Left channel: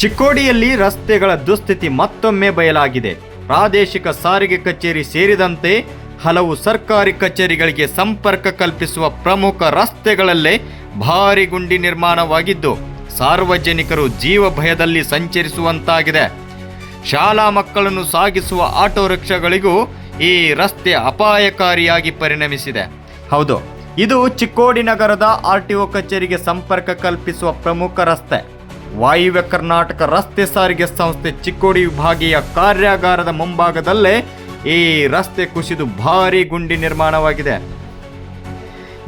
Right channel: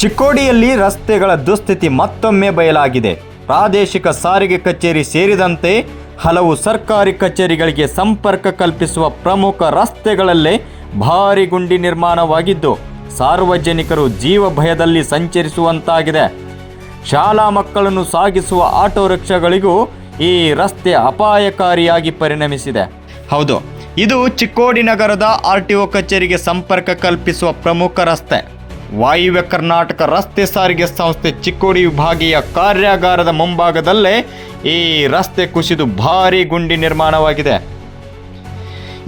ಚಿಕ್ಕೋಡಿಯಲ್ಲಿ ರಸ್ತೆಗಳ ದುಸ್ಥಿತಿ ಮತ್ತೊಮ್ಮೆ ಬಯಲಾಗಿದೆ. ಪ್ರಾದೇಶಿಕ ಸಾರಿಗೆ ಕಚೇರಿ ಸೇರಿದಂತೆ ಹಲವು ಸರ್ಕಾರಿ ಕಚೇರಿಗಳಿಗೆ ಸಂಪರ್ಕ ಕಲ್ಪಿಸುವ ಪ್ರಮುಖ ರಸ್ತೆಗಳಲ್ಲೇ ಭಾರಿ ಗುಂಡಿ ನಿರ್ಮಾಣವಾಗಿದ್ದು ಸಾರ್ವಜನಿಕರು ಜೀವ ಭಯದಲ್ಲಿ ಸಂಚರಿಸುವಂತಾಗಿದೆ. ಶಾಲಾ ಮಕ್ಕಳನ್ನು ಸಾಗಿಸುವ ಆಟೋ ರಿಕ್ಷಾಗಳಿಗೂ ಈ ರಸ್ತೆ ಅಪಾಯಕಾರಿಯಾಗಿ ಪರಿಣಮಿಸಿದೆ. ಹೌದು, ಇದು ಚಿಕ್ಕೋಡಿ ನಗರದ RTO ಕಚೇರಿಗೆ ಸಂಪರ್ಕ ಕಲ್ಪಿಸುವ ಪ್ರಮುಖ ರಸ್ತೆ. ವಾಯುವ್ಯ ಕರ್ನಾಟಕ ರಸ್ತೆ ಸಾರಿಗೆ ಸಂಸ್ಥೆ ಚಿಕ್ಕೋಡಿ ವಿಭಾಗೀಯ ಕಾರ್ಯಾಗಾರದ ಮುಂಭಾಗದಲ್ಲೇ ಈ ರಸ್ತೆ ಕುಸಿದು ಭಾರಿ ಗುಂಡಿ ನಿರ್ಮಾಣವಾಗಿದೆ.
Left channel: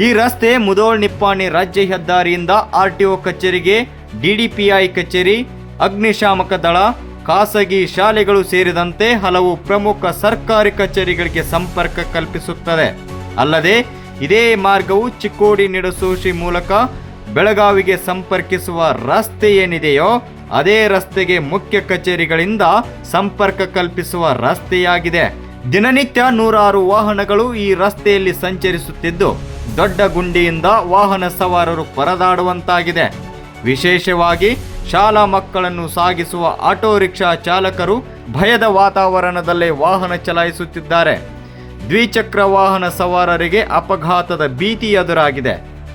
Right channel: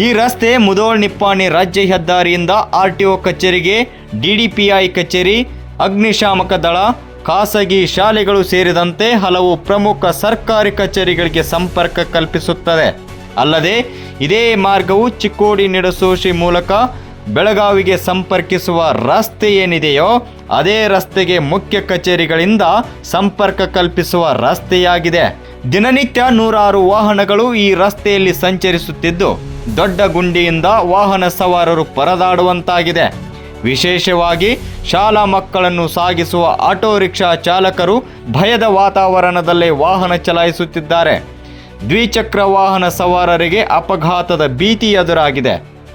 ಈ ರಸ್ತೆ ಮುಧೋಳ್ ನಿಪ್ಪಾಣಿ ರಾಜ್ಯ ಹೆದ್ದಾರಿಯಿಂದ RTO ಕಚೇರಿಗೆ, DDPI ಕಚೇರಿ, ಅಗ್ನಿಶಾಮಕ ದಳ, ಖಾಸಗಿ ಶಾಲೆಗಳು ಸೇರಿದಂತೆ ಹಲವು ಪ್ರಮುಖ ಸರ್ಕಾರಿ ಕಚೇರಿಗಳಿಗೆ ಸಂಪರ್ಕ ಕಲ್ಪಿಸುತ್ತದೆ. ಅಲ್ಲದೆ ಇದೇ ಮಾರ್ಗವು ಚಿಕ್ಕೋಡಿ ನಿಡಸೋಶಿ ಮೂಲಕ ಬೆಳಗಾವಿಗೆ ಸಂಪರ್ಕಿಸುವ ರಸ್ತೆ ಏನಿದೆಯೋ ಅದೇ ರಸ್ತೆಗೆ ಮುಖ್ಯ ಕಚೇರಿಗಳಿಂದ ಸಂಪರ್ಕ ಕಲ್ಪಿಸುವ ರಸ್ತೆಯಾಗಿದೆ. ದಿನನಿತ್ಯ ನೂರಾರು ವಾಹನಗಳು ಈ ರಸ್ತೆಯಲ್ಲಿ ಸಂಚರಿಸುತ್ತಿದ್ದು ದೊಡ್ಡ ಗುಂಡಿಯಿಂದ ವಾಹನ ಸವಾರರು ಪರದಾಡುವಂತಾಗಿದೆ. ವಿಶೇಷವಾಗಿ ಶಾಲಾ ಮಕ್ಕಳನ್ನು ಸಾಗಿಸುವ ಆಟೋ ರಿಕ್ಷಾ ಚಾಲಕರು ಭಯದ ವಾತಾವರಣದಲ್ಲೇ ವಾಹನ ಚಲಾಯಿಸುತ್ತಿದ್ದಾರೆ. ದ್ವಿಚಕ್ರ ವಾಹನ ಸವಾರರಿಗೆ ಅಪಘಾತದ ಭೀತಿ ಎದುರಾಗಿದೆ.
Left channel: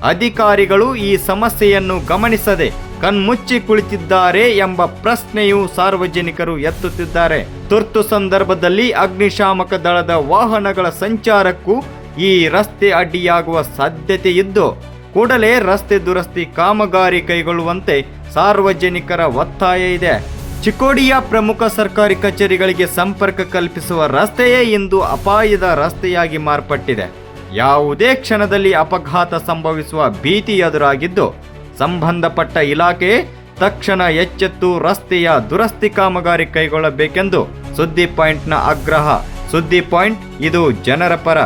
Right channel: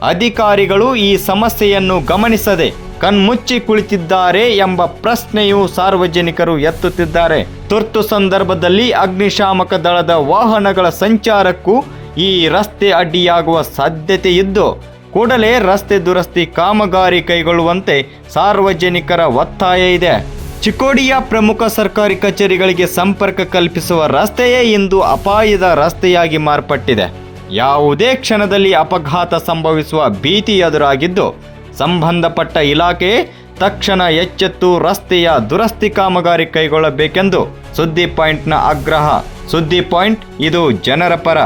ಅಧಿಕಾರಿಗಳು ಈ ಸಮಸ್ಯೆಯನ್ನು ಗಮನಿಸದೆ ಕಣ್ಮುಚ್ಚಿ ಕುಳಿತಿದ್ದಾರೆ ಎಂಬ ಪ್ರಶ್ನೆಯು ಸಾರ್ವಜನಿಕರು ಎತ್ತುತ್ತಿದ್ದಾರೆ. ತುರ್ತು ಸಂದರ್ಭದಲ್ಲಿ ಅಗ್ನಿಶಾಮಕ ದಳದ ವಾಹನಗಳ ಸಂಚಾರಕ್ಕೂ ಈ ರಸ್ತೆ ಅಡ್ಡಿಯಾಗುವ ಸಾಧ್ಯತೆ ಇದ್ದು ಕೂಡಲೇ ರಸ್ತೆ ದುರಸ್ತಿ ಕಾಮಗಾರಿ ಕೈಗೊಳ್ಳುವಂತೆ ಸಾರ್ವಜನಿಕರ ಒತ್ತಾಯ ಇದೆ. ಚಿಕ್ಕೋಡಿಯ ಪ್ರಮುಖ ಸರ್ಕಾರಿ ಕಚೇರಿಗಳಿಗೆ ಸಂಪರ್ಕ ಕಲ್ಪಿಸುವ ರಸ್ತೆಯೇ ಇಂದು ಅಪಾಯದ ರಸ್ತೆಯಾಗಿ ಮಾರ್ಪಟ್ಟಿದೆ. ಯಾವುದೇ ಕ್ಷಣದಲ್ಲಿ ಅಪಘಾತ ಸಂಭವಿಸುವ ಭೀತಿ ಎದುರಾಗಿದ್ದು ಸಂಬಂಧಪಟ್ಟ ಇಲಾಖೆ ತಕ್ಷಣ ಎಚ್ಚೆತ್ತು ರಸ್ತೆಯ ದುರಸ್ತಿ ಕಾಮಗಾರಿ ಕೈಗೊಳ್ಳಬೇಕೆಂದು ಸುದ್ದಿ ಪಾಯಿಂಟ್ನ ಆಗ್ರಹ. ಸುದ್ದಿ ಪಾಯಿಂಟ್, ಇದು ಜನರ ಪರ.